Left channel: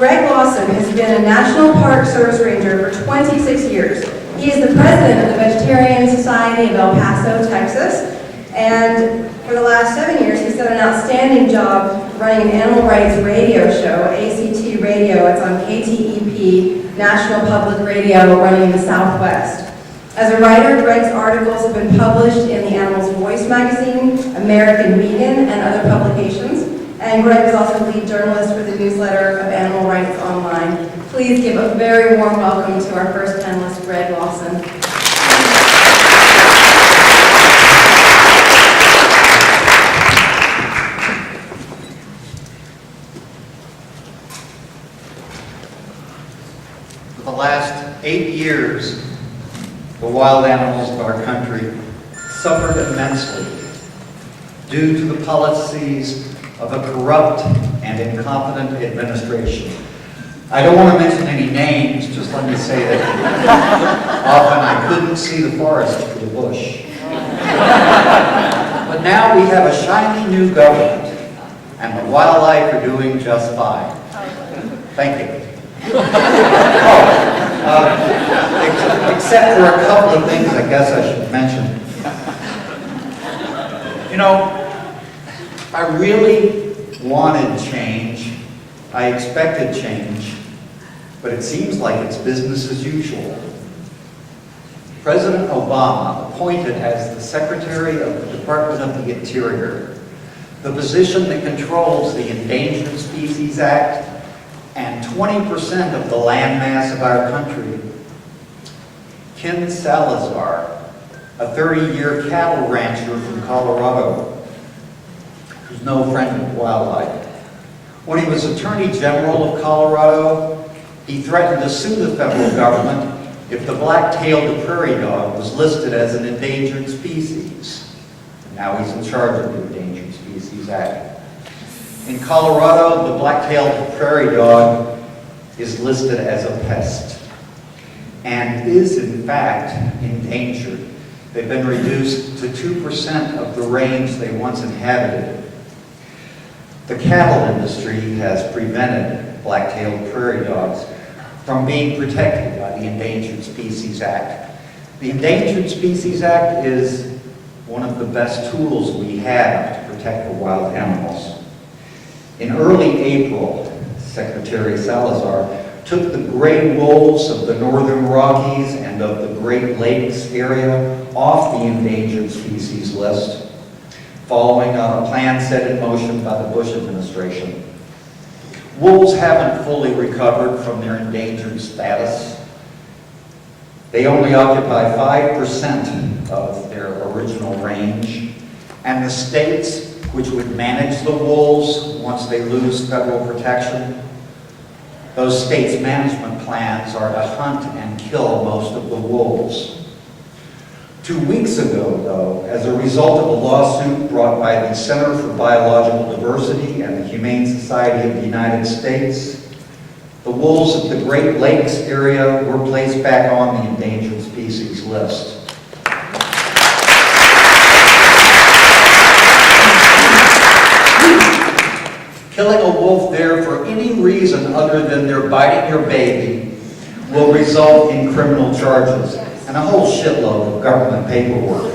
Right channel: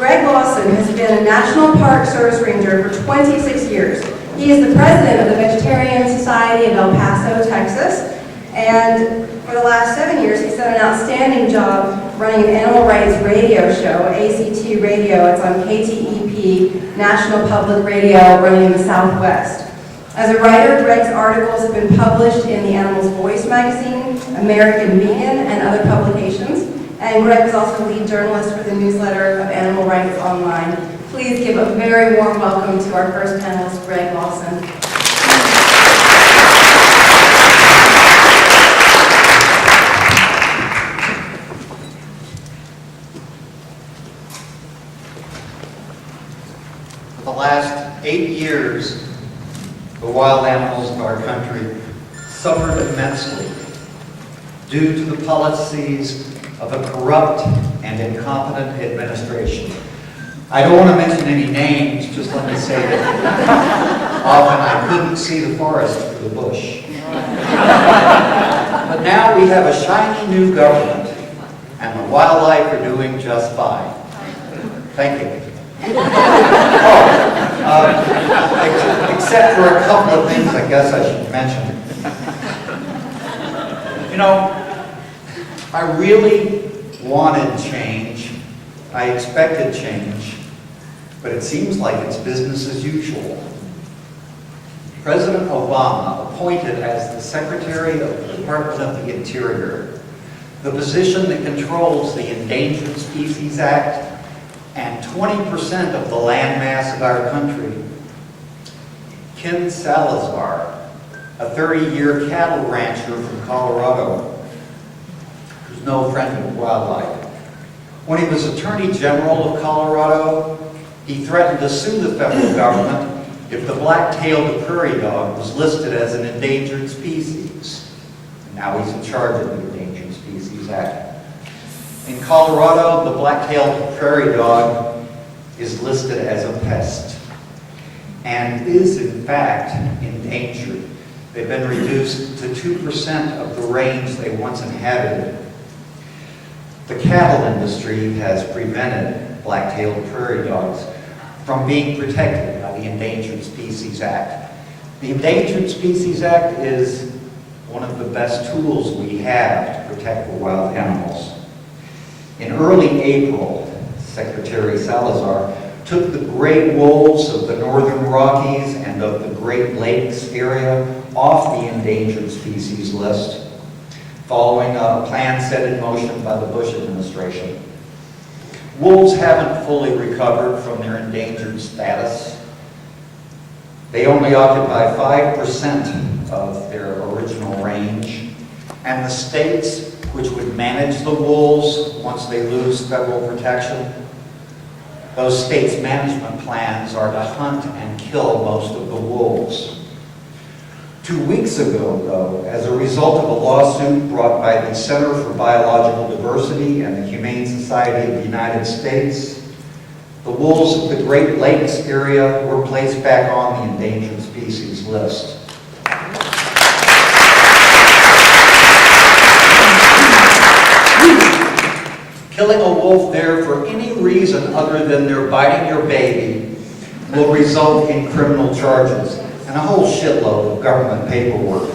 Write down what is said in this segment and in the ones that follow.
Greg Lawson has been a National Park Service Ranger for 26 years. He is the president of the Vegetarian Society of El Paso, Texas, and for the last 7 years he's done an outstanding job running an animal rights radio show, ACT Radio. It's on KTEP, National Public Radio, running in the Southwest. As a writer, Greg's articles have been published in the Animal's Voice magazine, American Vegan, and other publications. And Greg is also lead journalist for the newsletter of Animal Rights Online. Please give a very warm welcome to our first panelist, Greg Lawson. For the last 8 years, the wild animals of our country suffered immensely due to the policies of a corrupt and incompetent administration. I don't want to mention any names, just let me say that often I couldn't see the forest through the bush. But now we have a shiny new government, and the wildlife are doing just fine. Thank you. Except for a couple of things I guess I should mention. You know, I really wanted change. I expected change, but it seems like it's business as usual. President Obama appointed as the Secretary of the Department of the Interior the position that controls the Endangered Species Act and 20% of the landmass of our country. Ken Salazar, a 30-year cattle rancher from Colorado, who's no friend of wildlife. When he was Attorney General of Colorado, he threatened to sue the federal government if the black-tailed prairie dog was listed as an endangered species. And now he's in charge of the Endangered Species Act. In Colorado, the black-tailed prairie dog is listed as a pest and is in fact endangered. They've been reduced to 2% of the range they once inhabited. The cattle industry has prevented black-tailed prairie dogs from being protected by the Endangered Species Act. The Endangered Species Act is one of the best tools we have to protect the wild animals. In early April, Secretary Salazar took the gray wolves of the Northern Rockies and of the Great Lakes area off the endangered species list, following a plan set in motion by the Bush administration. Wolves haven't fully recovered from their endangered status. They only occupy 5% of their original range, and the states which would manage the wolves once they lose federal protection, those states' management plans are to hunt and kill most of the wolves. 2 weeks ago, though, as a result of a lawsuit brought by the Center for Biological Diversity and the Humane Society of the United States, the wolves of the Great Lakes area were placed back on the endangered species list. Killing a wolf there for any reason other than they're biting your baby will result in criminal charges and a whole shitload of government paperwork.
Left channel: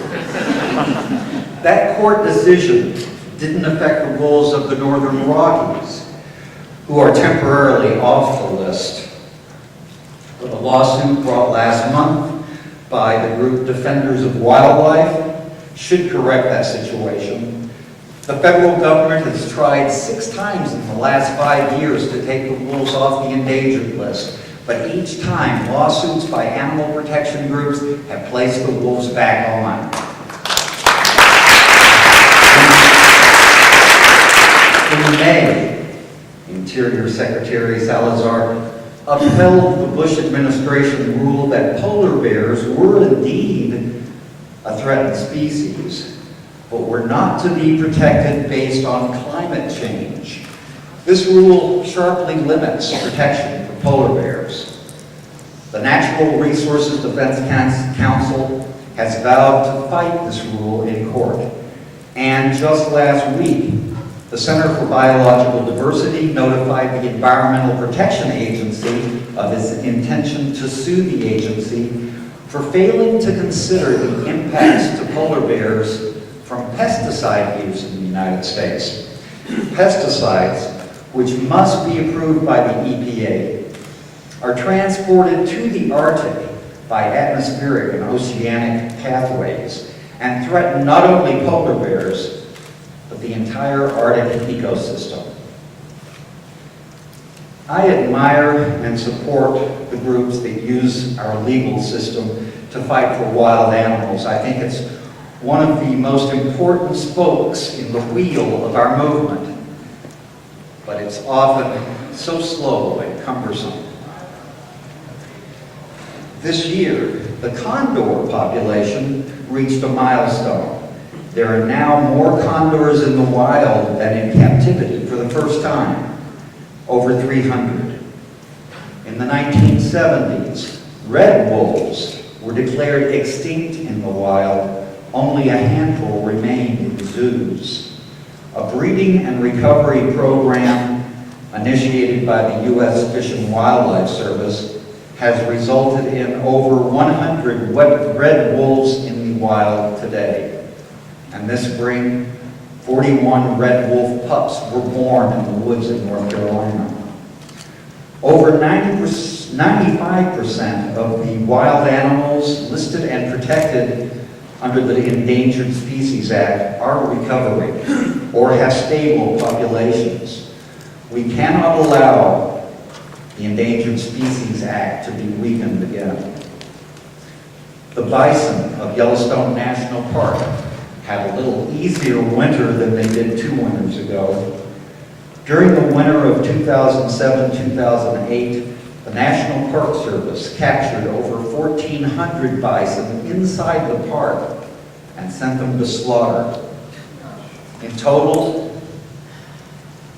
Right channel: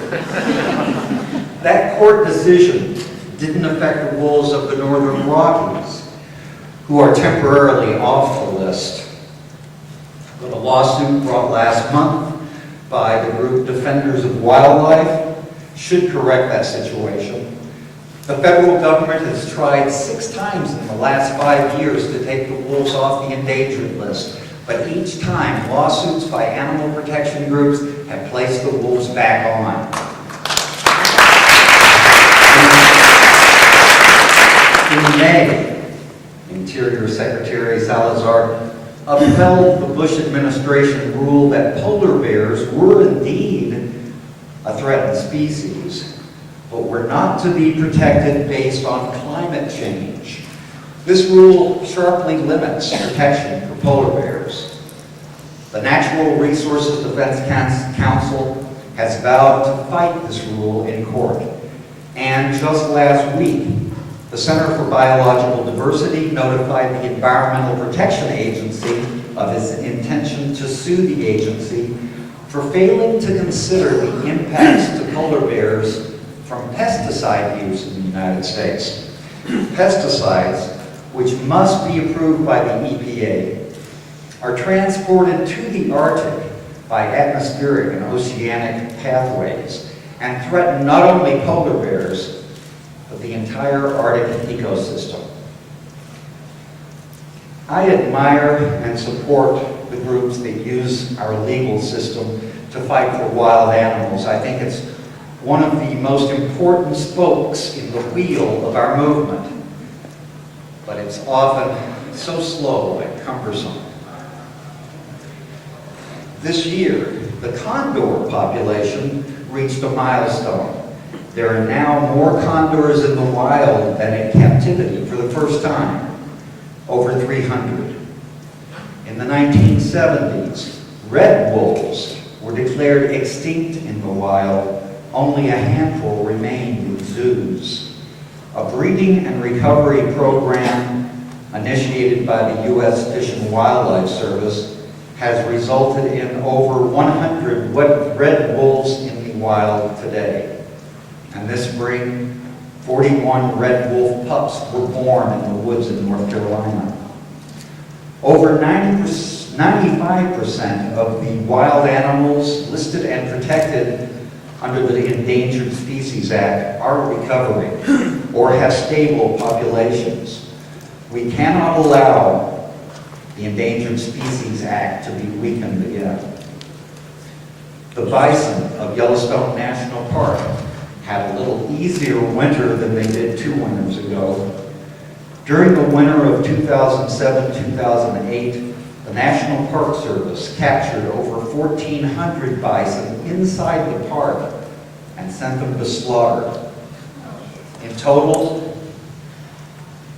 That court decision didn't affect the wolves of the Northern Rockies, who are temporarily off the list. But a lawsuit brought last month by the group Defenders of Wildlife should correct that situation. The federal government has tried 6 times in the last 5 years to take the wolves off the endangered list, but each time lawsuits by animal protection groups have placed the wolves back on. In May, Interior Secretary Salazar upheld the Bush administration rule that polar bears were indeed a threatened species, but were not to be protected based on climate change. This rule sharply limits protection for polar bears. The Natural Resources Defense Council has vowed to fight this rule in court. And just last week, the The Center for Biological Diversity notified the Environmental Protection Agency of its intention to sue the agency for failing to consider the impacts to polar bears from pesticide use in the United States. Pesticides, which must be approved by the EPA, are transported to the Arctic by atmospheric and oceanic pathways and threaten not only polar bears, but the entire Arctic ecosystem. I admire and support the groups that use our legal system to fight for wild animals. I think it's one of the most important spokes in the wheel of our movement, but it's often so slow and cumbersome. This year, the condor population reached a milestone. There are now more condors in the wild than in captivity for the first time, over 300. In the 1970s, red wolves were declared extinct in the wild. Only a handful remained in zoos. A breeding and recovery program initiated by the U.S. Fish and Wildlife Service has resulted in over 100 red wolves in the wild today. And this spring, 41 red wolf pups were born in the woods in North Carolina. Over 95% of the wild animals listed and protected under the Endangered Species Act are recovering or have stable populations. We cannot allow the Endangered Species Act to be weakened again. The bison of Yellowstone National Park had a little easier winter than they did 2 winters ago. During the winter of 2007-2008, the National Park Service captured over 1,400 bison inside the park and sent them to slaughter. In total,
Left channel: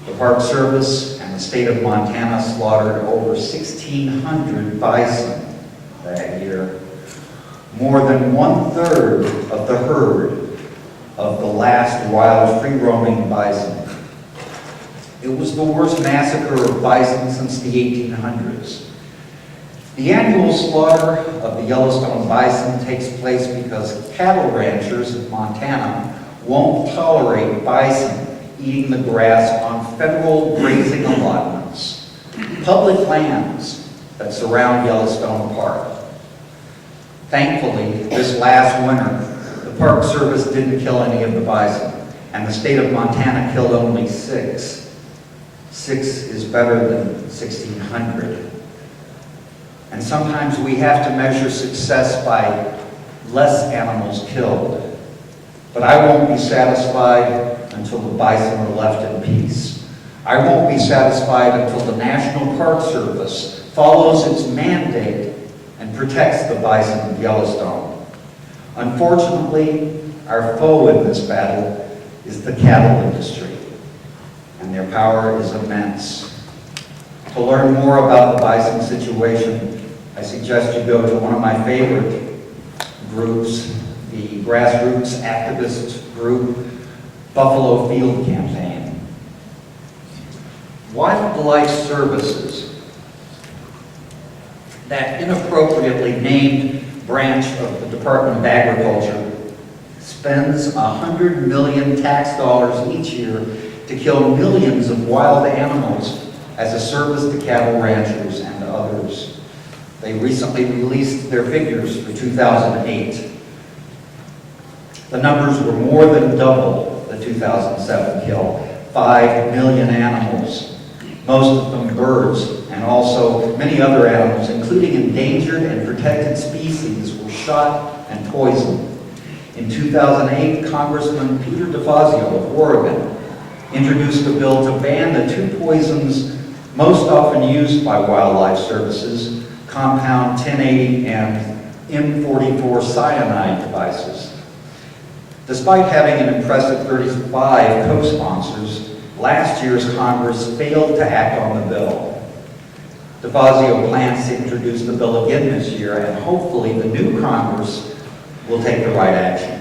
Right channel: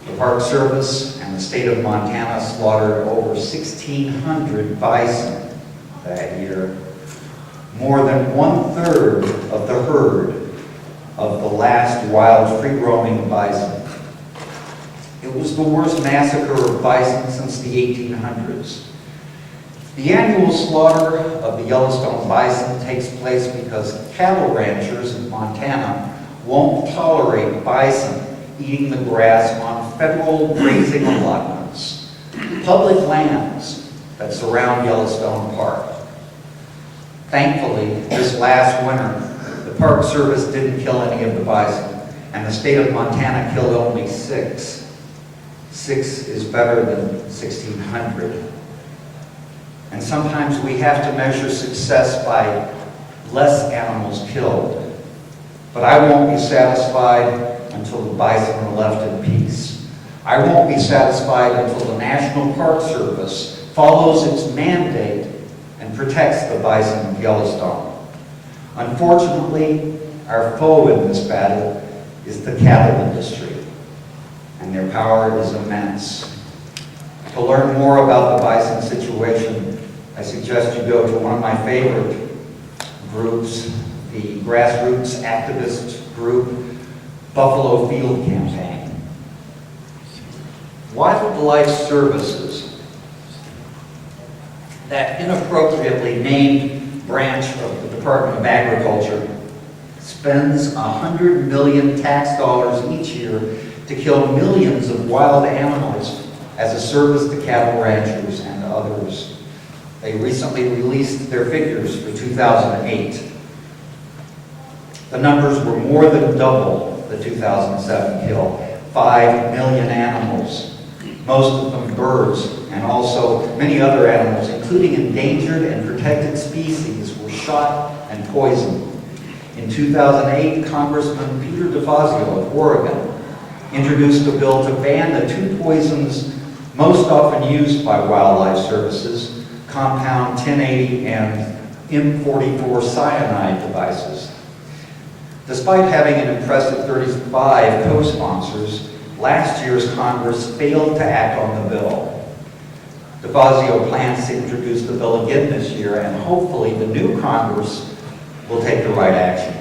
the Park Service and the state of Montana slaughtered over 1,600 bison that year, more than 1/3 of the herd of the last wild free-roaming bison. It was the worst massacre of bison since the 1800s. The annual slaughter of the Yellowstone bison takes place because cattle ranchers in Montana won't tolerate bison eating the grass on federal grazing allotments, public lands that surround Yellowstone Park. Thankfully, this last winter, the Park Service didn't kill any of the bison, and the state of Montana killed only 6. 6 is better than 1,600. And sometimes we have to measure success by less animals killed. But I won't be satisfied until the bison are left in peace. I won't be satisfied until the National Park Service follows its mandate and protects the bison of Yellowstone. Unfortunately, our foe in this battle is the cattle industry, and their power is immense. To learn more about the bison situation, I suggest you go to one of my favorite groups, the grassroots activist group, Buffalo Field Campaign. Wildlife Services, that inappropriately named branch of the Department of Agriculture, spends $100 million tax dollars each year to kill millions of wild animals as a service to cattle ranchers and others. They recently released their figures for 2008. The numbers were more than double the 2007 kill, 5 million animals, most of them birds, and also many other animals, including endangered and protected species, were shot and poisoned. In 2008, Congressman Peter DeFazio of Oregon introduced a bill to ban the 2 poisons most often used by wildlife services, compound 1080 and M44 cyanide devices. Despite having an impressive 35 co-sponsors, last year's Congress failed to act on the bill. DeFazio plans to introduce the bill again this year, and hopefully the new Congress will take the right action.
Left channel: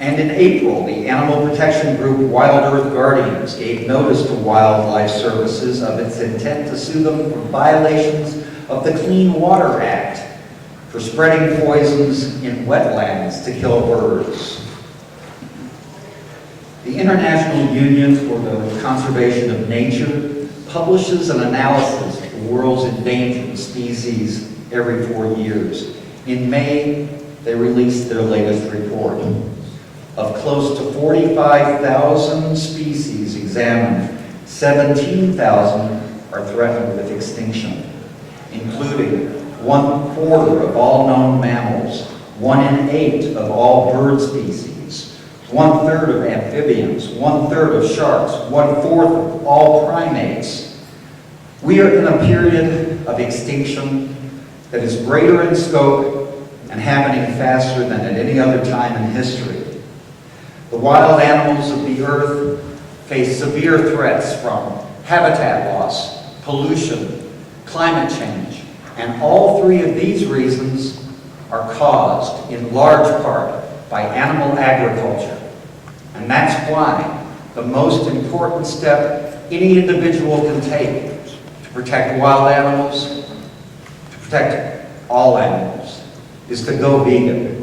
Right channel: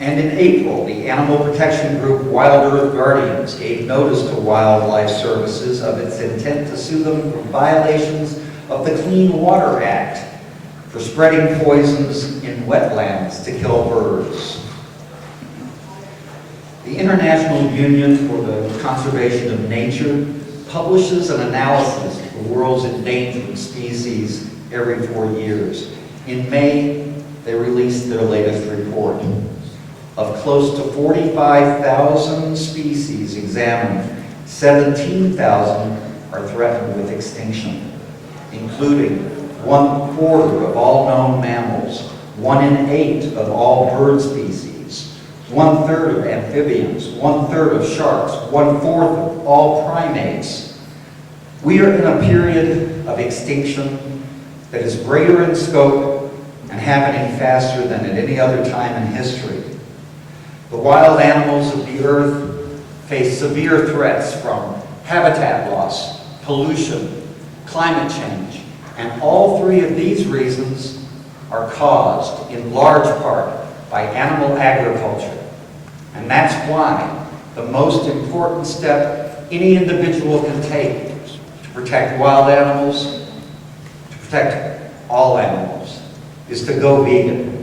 And in April, the animal protection group Wild Earth Guardians gave notice to Wildlife Services of its intent to sue them for violations of the Clean Water Act for spreading poisons in wetlands to kill birds. The International Union for the Conservation of Nature publishes an analysis of the world's endangered species every 4 years. In May, they released their latest report. Of close to 45,000 species examined, 17,000 are threatened with extinction, including 1/4 of all known mammals, 1 in 8 of all bird species, 1/3 of amphibians, 1/3 of sharks, 1/4 of all primates. We are in a period of extinction that is greater in scope and happening faster than at any other time in history. The wild animals of the earth face severe threats from habitat loss, pollution, climate change, and all 3 of these reasons are caused in large part by animal agriculture. And that's why the most important step any individual can take to protect wild animals, to protect all animals, is to go vegan.